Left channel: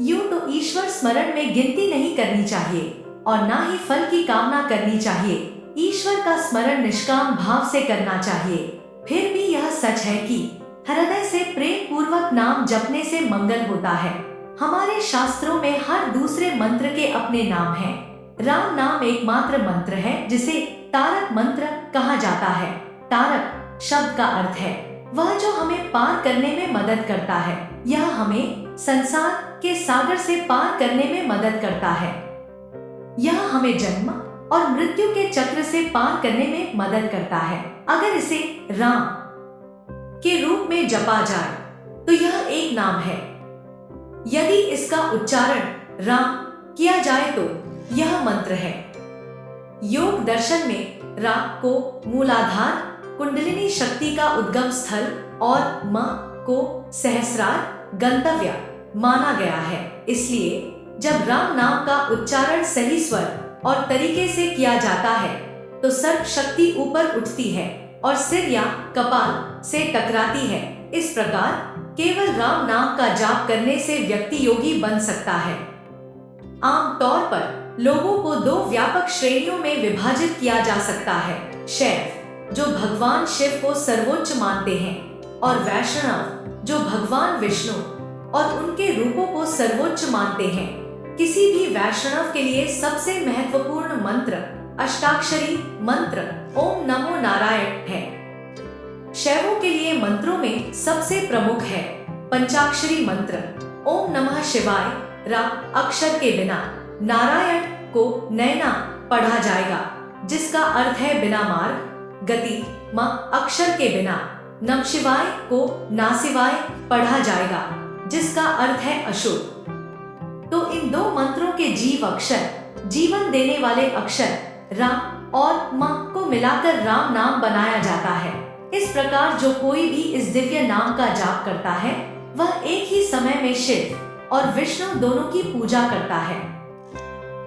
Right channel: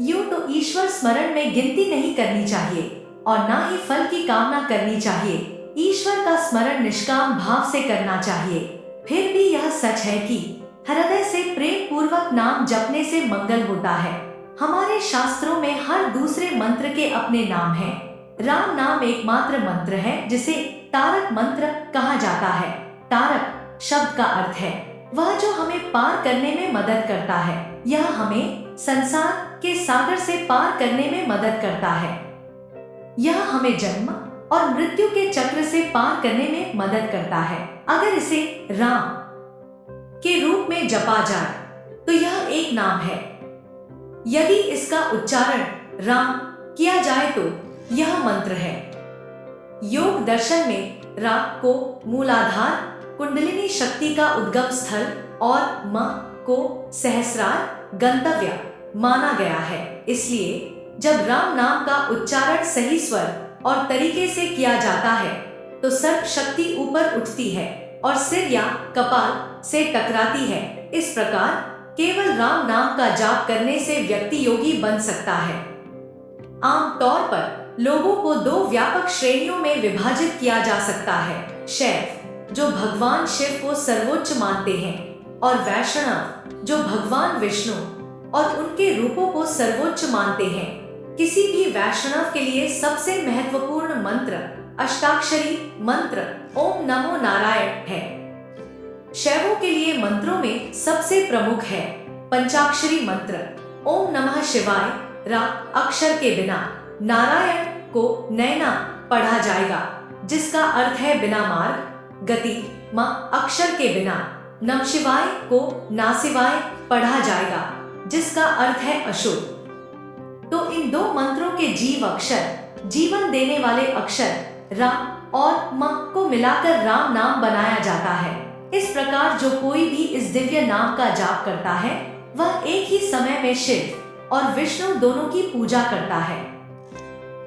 यूं तो ईश्वर स्मरण में गिनती नहीं करनी चाहिए और ना ही फल की कामना करनी चाहिए। ईश्वर का स्मरण निष्काम भाव से करना चाहिए। फिर भी यह सच है कि हृदय से प्रेम पूर्वक नाम जपने से मंगल होता है। हमारे शास्त्रों में हर दूसरे मंत्र के अपने नाम हैं। राम नाम एकमात्र मंत्र है जिसे तारक मंत्र कहा जाता है। तारक शब्द का अर्थ है वह जो हमें पार करने में मदद करता है। यह हमें संसार के सागर से पार करने में मदद करता है। यह हमें जन्म और मृत्यु के चक्र से पार करने में मदद करता है। अगर इसे राम के रूप में जपा जाए तो यह एक नाम है। यदि इसका उच्चारण राम किया जाए तो यह मंत्र है। योग दर्शन में रा को मूलाधार, कुंडलिनी शक्ति का उद्गम स्थल और म को सहस्रार गंतव्य माना गया है। इसलिए जब राम नाम का उच्चारण सही स्वर और तरीके से किया जाता है तो सर्प शक्ति ऊपर उठती है और सिर या कपाल से टकराती है। इस प्रकार केवल राम नाम का जाप करने से व्यक्ति योगी बन सकता है। आमतौर पर लोगों को दो व्यापक श्रेणियों में विभाजित किया जा सकता है। शैव जो भगवान शिव को सर्वोच्च मानते हैं और वैष्णव जो भगवान विष्णु और उनके रूपों को सर्वोच्च मानते हैं। किसी भी वैष्णव के लिए सबसे महत्वपूर्ण मंत्र अष्टाक्षरी मंत्र ओम नमो नारायण है। शैवों के लिए मंत्रों में सबसे प्रमुख है पंचाक्षरी मंत्र ओम नमः शिवाय। रा अक्षर के बिना नारायण को नैना पढ़ा जाएगा जिसका अर्थ है बिना मार्ग गति। म अक्षर के बिना नम शिवाय को नासिवाय पढ़ा जाएगा जिसका अर्थ है अशुभ। तो इन दो मंत्रों के जीव अक्षर जीवन देने वाले अक्षर रा और म को मिलाकर राम नाम बनाया जाता है। इस प्रकार जो कोई भी इस दिव्य नाम का जाप करता है वह एक ही समय में शिव और विष्णु दोनों की पूजा करता है।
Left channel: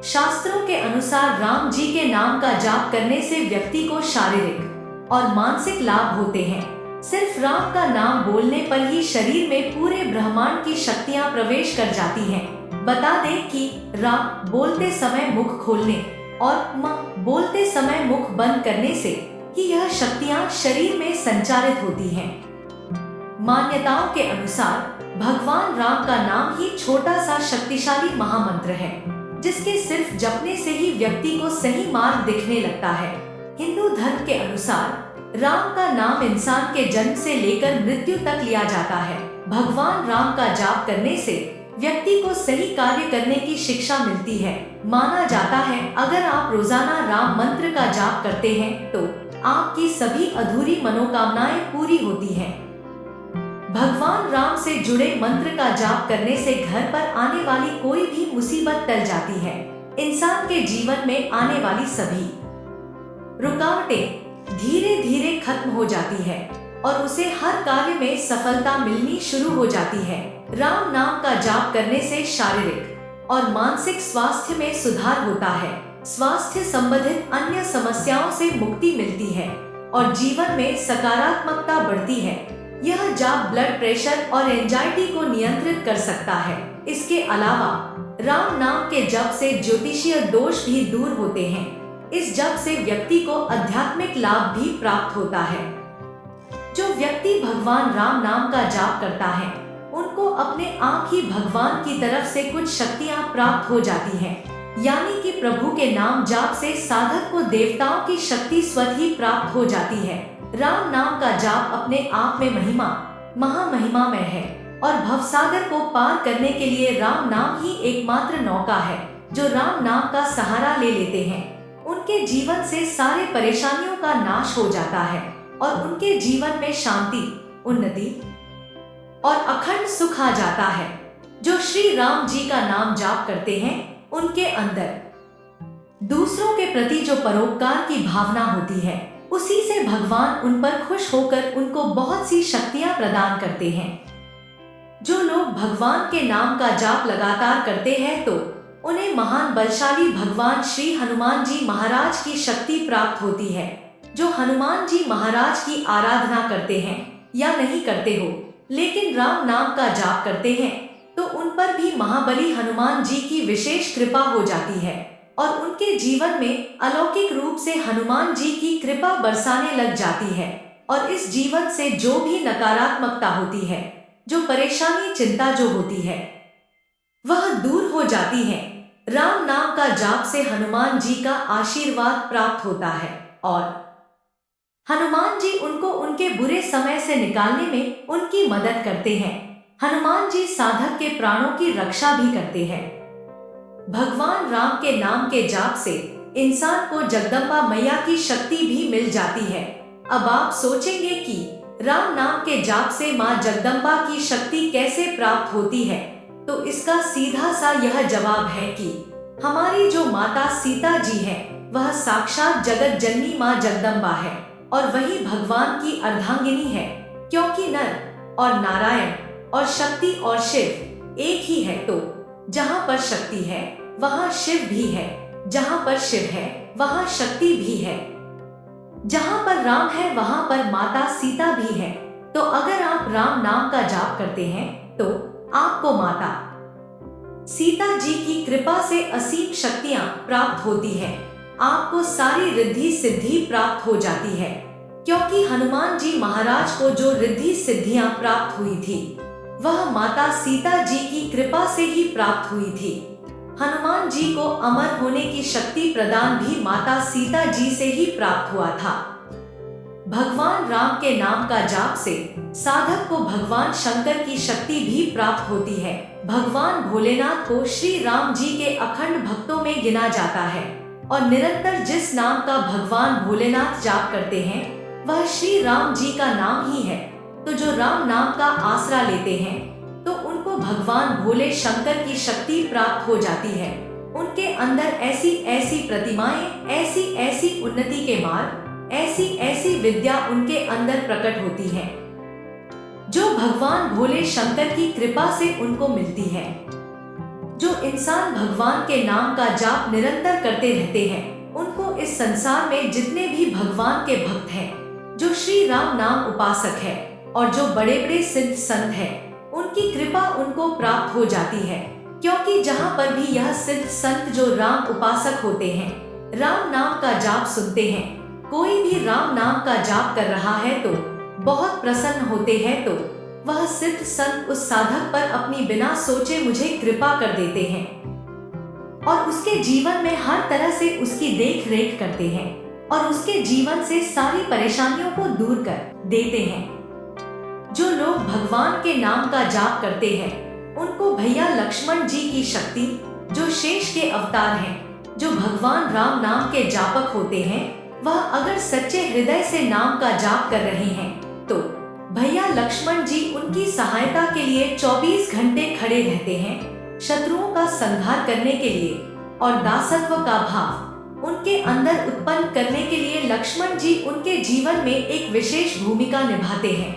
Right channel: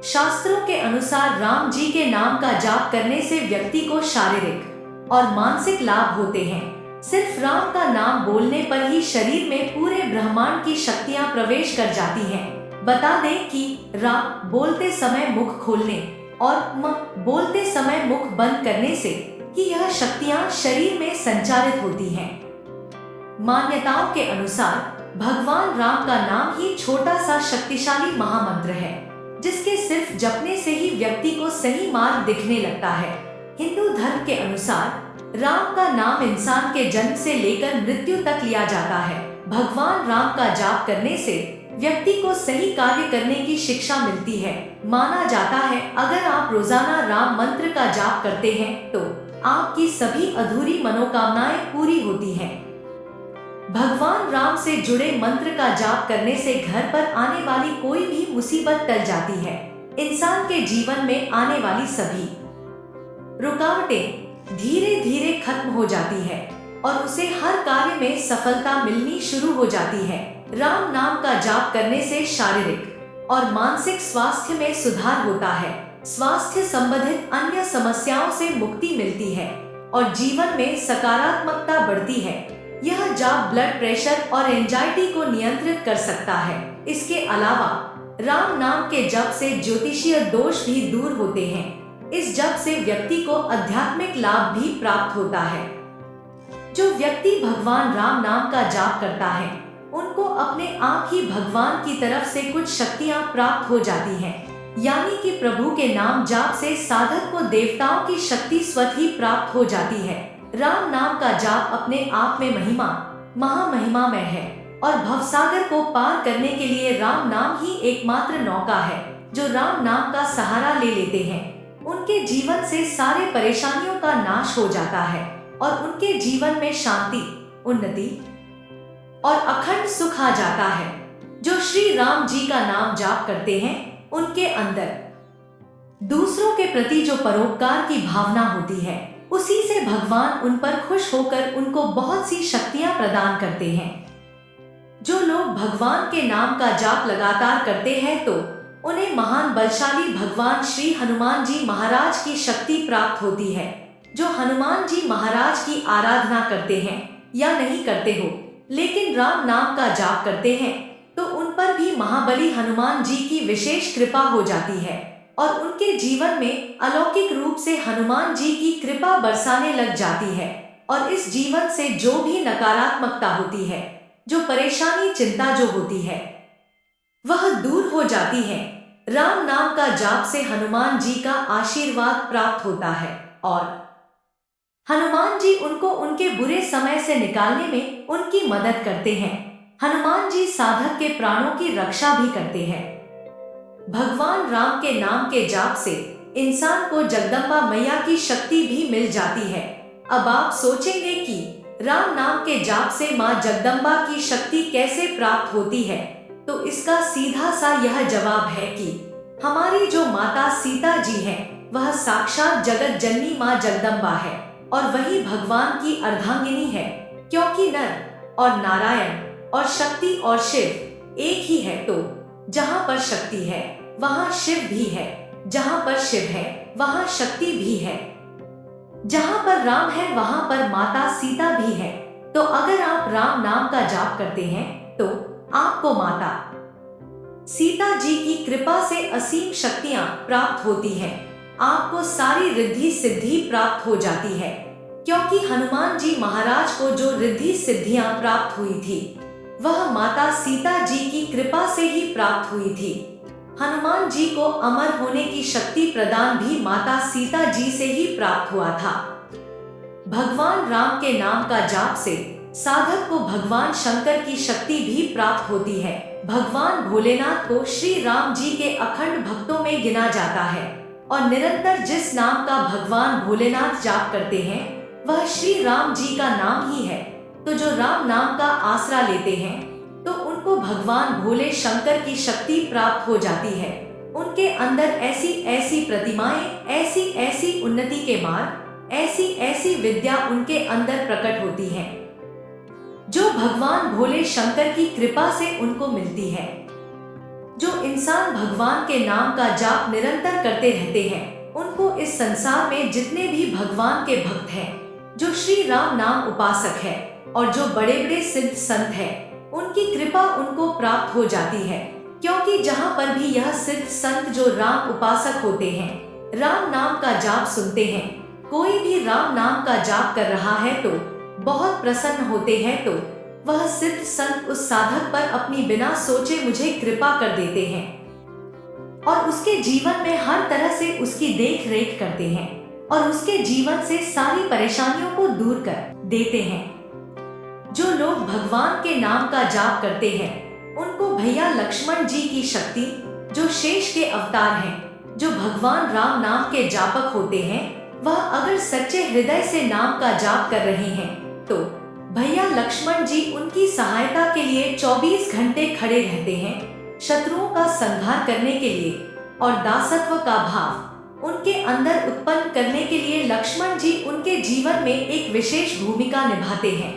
शास्त्रों के अनुसार राम जी के नाम का जाप करने से व्यक्ति को शारीरिक और मानसिक लाभ होते हैं। सिर्फ राम का नाम बोलने पर ही शरीर में पूरे ब्रह्मांड की शक्तियां प्रवेश कर जाती हैं। बता दें कि राम बोलते समय मुख खोलने और म बोलते समय मुख बंद करने से ही यह शक्तियां शरीर में संचारित होती हैं। मान्यताओं के अनुसार भगवान राम का नाम ही छोटा सा शक्तिशाली महामंत्र है जिसके सिर्फ जपने से ही व्यक्ति को सही मार्ग दिखने लगता है। हिंदू धर्म के अनुसार राम का नाम इंसान के जन्म से लेकर मृत्यु तक लिया जाता है। भगवान राम का जाप करने से व्यक्ति को सही कार्य करने की शिक्षा मिलती है। माना जाता है अगर आप रोजाना राम मंत्र का जाप करते हैं तो आपकी सभी अधूरी मनोकामनाएं पूरी होती हैं। भगवान राम से जुड़े मंत्र का जाप करने से घर पर आने वाली कोई भी मुसीबत टल जाती है। इंसान के जीवन में आने वाली सभी रुकावटें धीरे धीरे खत्म हो जाती है और उसे हर कार्य में सफलता मिलनी शुरू हो जाती है। राम नाम का जाप करने से शारीरिक और मानसिक स्वास्थ्य में सुधार होता है। स्वास्थ्य संबंधित अन्य समस्याओं से मुक्ति मिलती है और जीवन में सकारात्मकता बढ़ती है। यह जाप ब्लड प्रेशर और एंजाइटी को नियंत्रित कर सकता है। इसके अलावा राम नाम के जप से ज्योतिषीय दोष भी दूर होते हैं। इस जप से व्यक्ति को आध्यात्मिक लाभ भी प्राप्त होता है। जो व्यक्ति भगवान राम नाम का जाप करता है उनको अपने आप ही भगवान की तरफ से कुछ शक्तियां प्राप्त हो जाती हैं। यानी कि प्रभु के नाम जाप से साधक को देवताओं की शक्ति स्वतः ही प्राप्त हो जाती है। राम नाम का जाप अपने आप में महामहिमामय है और भवसागर को पार करने के लिए राम नाम ही एकमात्र नौका है। जो राम नाम का सहारा ले लेते हैं उनके जीवन से सारे परेशानियों का नाश हो जाता है और उनके जीवन में शांति, उन्नति और अखंड सुख आ जाता है। जो श्री राम जी का नाम जाप करते हैं उनके अंदर दूसरों के प्रति जो परोपकार की भावना होती है उसी से भगवान उन पर खुश होकर उनको बहुत सी शक्तियां प्रदान करते हैं। जो लोग भगवान के नाम का जाप लगातार करते हैं तो उन्हें महान बलशाली भगवान श्री हनुमान जी महाराज की शक्ति प्राप्त होती है। जो हनुमान जी महाराज की आराधना करते हैं या नहीं करते हो लेकिन राम नाम का जाप करते हैं तो उन पर भी महाबली हनुमान जी की विशेष कृपा हो जाती है और उनके जीवन में अलौकिक रूप से हनुमान जी की कृपा बरसाने लग जाती है। और इस जीवन से जो भी नकारात्मकता होती है, जो परेशानी चिंता जो होती है, वह दूर हो जाती है। राम नाम का जाप से हनुमान जी का आशीर्वाद प्राप्त होता है और हनुमान जी उनको उनके बुरे समय से निकालने में उनकी मदद करते हैं। हनुमान जी साधक के प्राणों की रक्षा भी करते हैं। भगवान राम के नाम के जाप से इंसान को जगदम्बा मैया की शक्ति भी मिल जाती है। अब आप सोचेंगे कि राम नाम के जाप से माँ जगदम्बा की शक्ति कैसे प्राप्त होती है, तो इसका सीधा सा यह जवाब है कि हमारी जो माता सीता जी है वह साक्षात जगत जननी माँ जगदम्बा है और वही भगवान की अर्धांगिनी है, क्योंकि नर और नारायण और शक्ति और शिव एक ही है। तो जहाँ पर शक्ति है वहाँ शिव भी है, जहाँ पर शिव है वहाँ शक्ति भी है, जहाँ पर राम है वहाँ पर माता सीता भी है। तो अगर आप राम नाम का जाप करते हैं तो आपको माता सीता जी की कृपा से असीम शक्तियां प्राप्त होती है। आपको सारी रिद्धि सिद्धि प्राप्त हो जाती है, क्योंकि हनुमान जी महाराज को जो रिद्धि सिद्धियां प्राप्त हुई थी वह माता सीता जी की कृपा से ही प्राप्त हुई थी। हनुमान जी को अमर होने की शक्ति प्रदान भी माता सीता जी से ही प्राप्त हुआ था। भगवान राम के नाम का जाप से साधक को भगवान शंकर की शक्ति भी प्राप्त होती है। भगवान भोलेनाथ को श्री राम जी के अखंड भक्तों में गिना जाता है और निरंतर जिस नाम का भगवान भोलेनाथ जाप करते हैं वह श्री राम जी का नाम ही है। तो जो राम नाम का आसरा लेते हैं तो उनको भगवान भोले शंकर की शक्ति प्राप्त हो जाती है। उनके अंदर ऐसी ऐसी प्रतिमाएं, ऐसी ऐसी उन्नति के मार्ग, ऐसी ऐसी विद्या उनके अंदर प्रकट होती है जो भगवान भोले शंकर की कृपा से उनको मिलती है। जो इंसान भगवान के नाम का जाप निरंतर करते रहते हैं उनको इस संसार में जितने भी भगवान के भक्त हैं, जो श्री राम नाम उपासक है और जो बड़े बड़े सिद्ध संत हैं, उनकी कृपा उनको प्राप्त हो जाती है। क्योंकि जहाँ पर भी यह सिद्ध संत जो राम उपासक होते हैं, राम नाम का जाप सुनते हैं, कोई भी राम नाम का जाप कर रहा है तो बहुत प्रसन्न होते हैं, तो वह सिद्ध संत उस साधक पर अपनी बिना सोचे मुझे कृपा कर देते हैं और उसके जीवन में हर तरह से उसकी देख रेख करते हैं और उसके जीवन से सारी परेशानियों को दूर कर देते हैं। जो लोग भगवान के नाम का जाप करते हैं उनको भैया लक्ष्मण जी की शक्ति, जो शेष के अवतार हैं, जो भगवान राम नाम के जापक होते हैं, वह अगर सच्चे हृदय से नाम का जाप कर रहे हैं तो भैया लक्ष्मण जी उनकी सहायता के लिए 24 घंटे खड़े रहते हैं, शत्रुओं का संहार करने के लिए और दासत्व का भाव उनके अंदर उत्पन्न करने के लिए लक्ष्मण जी उनके जीवन में एक विशेष भूमिका निभाते हैं।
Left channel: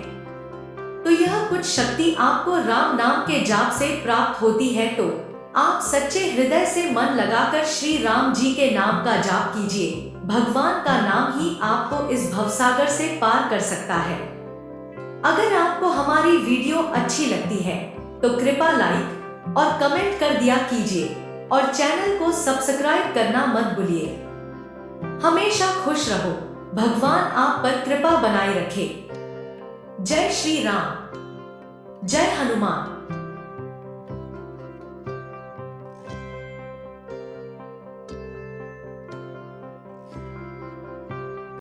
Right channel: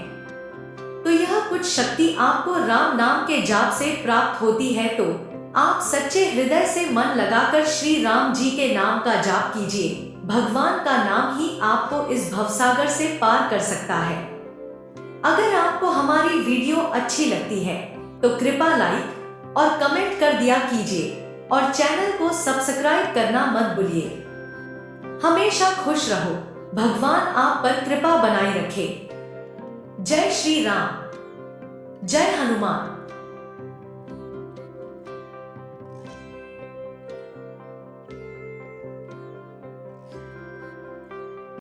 तो यह कुछ शक्ति आपको राम नाम के जाप से प्राप्त होती है। तो आप सच्चे हृदय से मन लगाकर श्री राम जी के नाम का जाप कीजिए। भगवान का नाम ही आपको इस भवसागर से पार कर सकता है। अगर आपको हमारी वीडियो अच्छी लगती है तो कृपया लाइक और कमेंट कर दिया कीजिए और चैनल को सब्सक्राइब करना मत भूलिए। हमेशा खुश रहो, भगवान आप पर कृपा बनाए रखे। जय श्री राम, जय हनुमान।